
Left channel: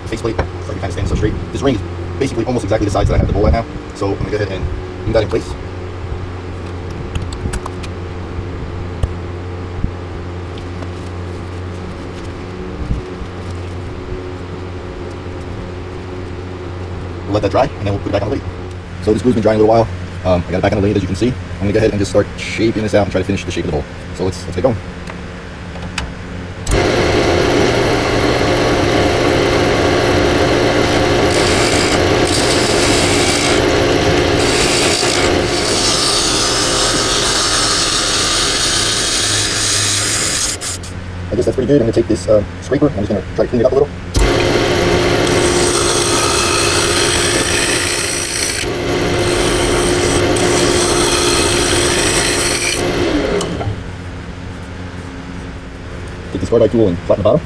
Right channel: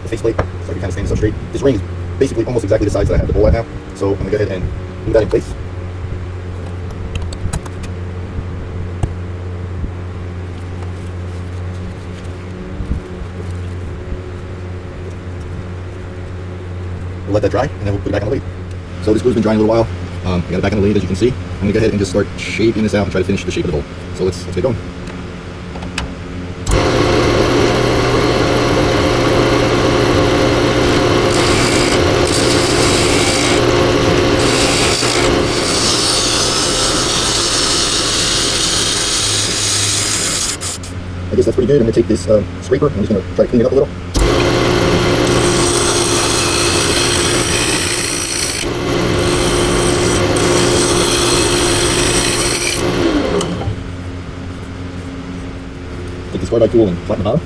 faceplate, so it kind of stands so straight. This ring is basically almost exactly the size that I have the hole at now, so I'm going to go ahead and glue that in place. Let that dry, and then we'll put it back on the lathe. So this glue's been drying a little while. I got it back on the lathe, as you can see. I'm gonna go ahead and just start shaping this out and try to finish the shape of the hole. So let's get going. I guess that's pretty good. I'm gonna take this scraper. I'm just gonna try to clean it up a little. By tool and flatten the bottom.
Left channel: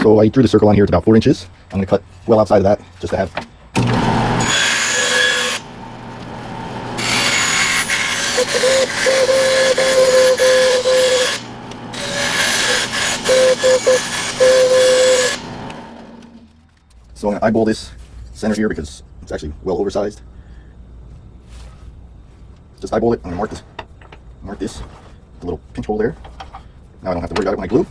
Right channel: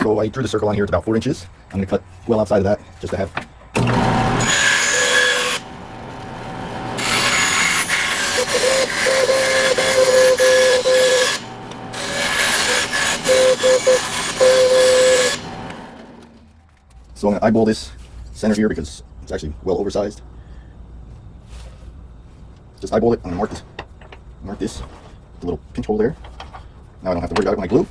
So I drew the circle on here. It's about 4 inches. I'm going to cut well outside of that just to have. So I'm going to eyeball this center here because it's actually well oversized. just eyeball it. I'm gonna mark this, the little pinch hole there. Now I don't have to worry about it when I glue.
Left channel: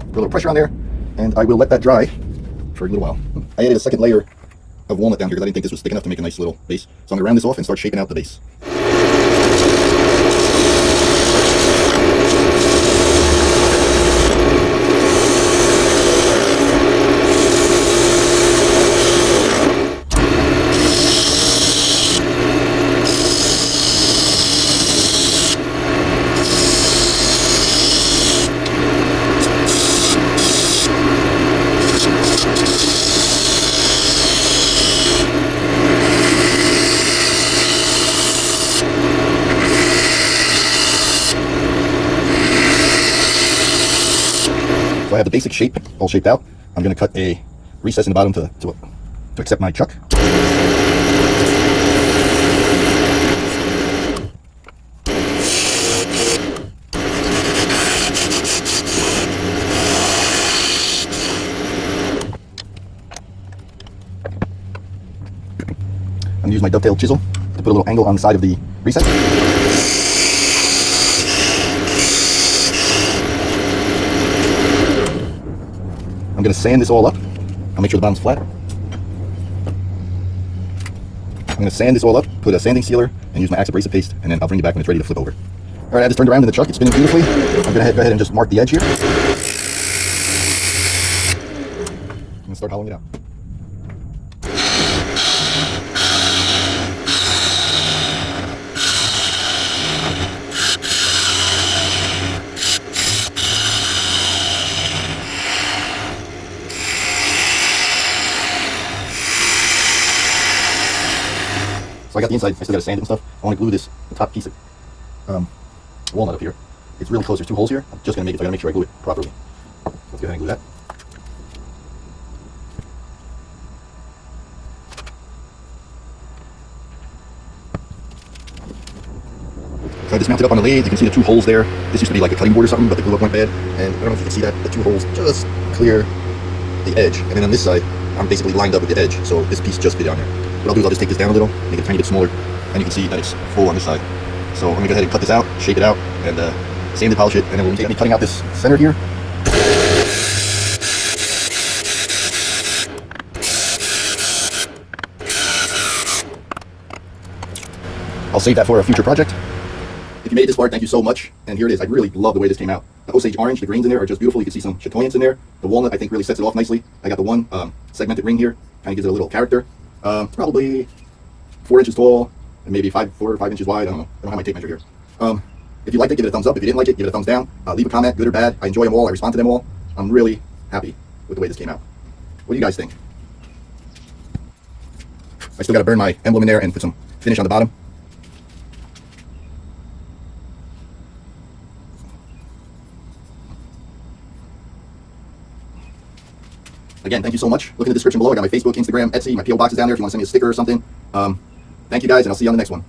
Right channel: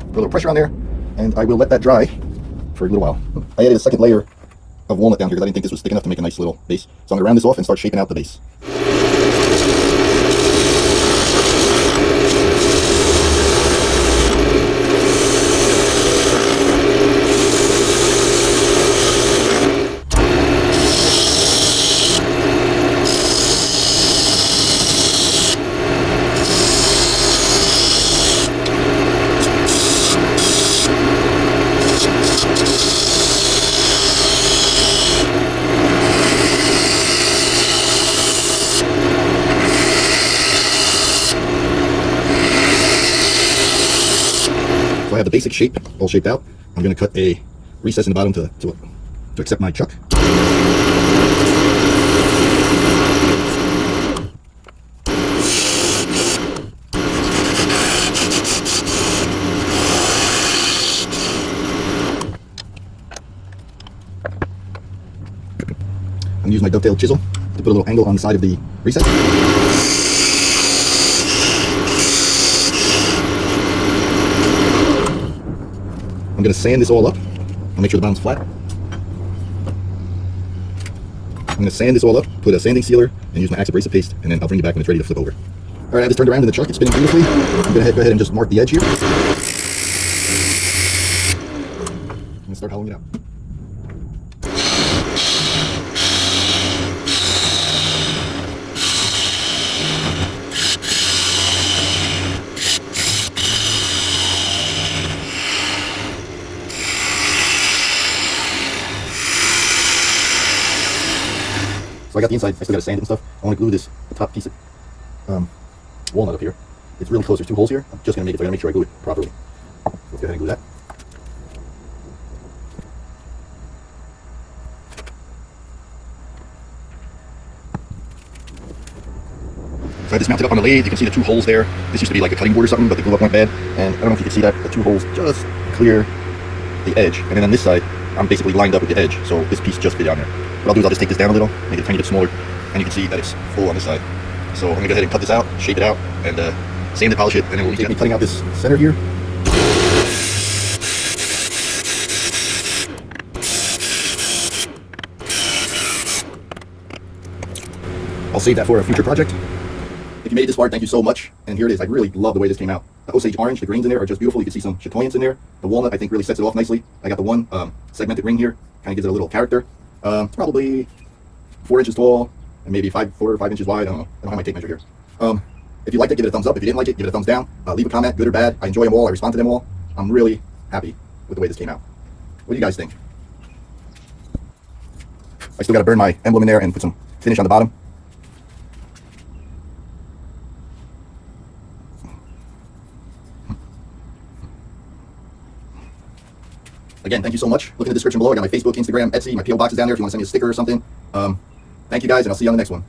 A little pressure on there, and I will let that dry for a little while. I added a second layer of walnut down here because I didn't think this was thick enough to make a nice little base. So I'm gonna round this off and start shaping out the base. So I have the basic shape all shaped out. I'm going to cut a recess in the bottom to accept my chuck. I'm going to use my dovetail chisel to put a little angle on the side of the recess. I'm going to sand this all up. I'll make sure the bottom's flat. I'm going to sand this all up, put a sanding sealer, and use my axe abrasive paste, and then I'll bring it back when it's ready to flip over. All right, I just turned around in the chuck. It's spinning beautifully. I'm going to go ahead and just mark the edge here. And start hollowing it out. So I got the inside, I still got to sand it and stuff. I want to glue this top piece of walnut up here. It's really close, there's two holes here. I'm just going to make it, so I got to make sure I glue it properly. So let's go ahead and glue that. So I just mounted up on the lathe. You can see the two holes there. This used to be like a cutting board or something, but the glue up weren't bad. And I don't know if you can see that, the two holes just clear the edge. And then on this side, I'm basically lined up with the edge, so this piece just fit on there. What I'll do is I'll just take this down a little, make it a tiny bit smaller, and you can see that it's full on this side. So I'm going to go ahead and cut this out, shape it out, and sand and polish it, and then we'll be cutting out this center here. I'll save that for a future project. If you made it this far, thank you so much. And here it is. I really love the way this came out. The Osage orange, the greens in there are just beautiful. You can see some chatoyance in there. The walnut, I think, really sets it off nicely. I got the one segmented ring here, kind of gives it a little character. It's probably 4 inches tall and maybe 4 or 5 inches wide. I don't know. I don't have my tape measure here. If you liked it, give it a thumbs up. If you didn't like it, give it a thumbs down. Leave a comment, good or bad. I enjoy them all. I respond to them all. I'm really happy with the way this came out. What do you guys think? I still got to burn my emblem in there and put some finish on the bottom. Again, thank you so much. Look in the description below. I got my Facebook, Instagram, Etsy, my P.O. box is down there if you want to send me a sticker or something. Thank you guys, and I'll see you on the next one.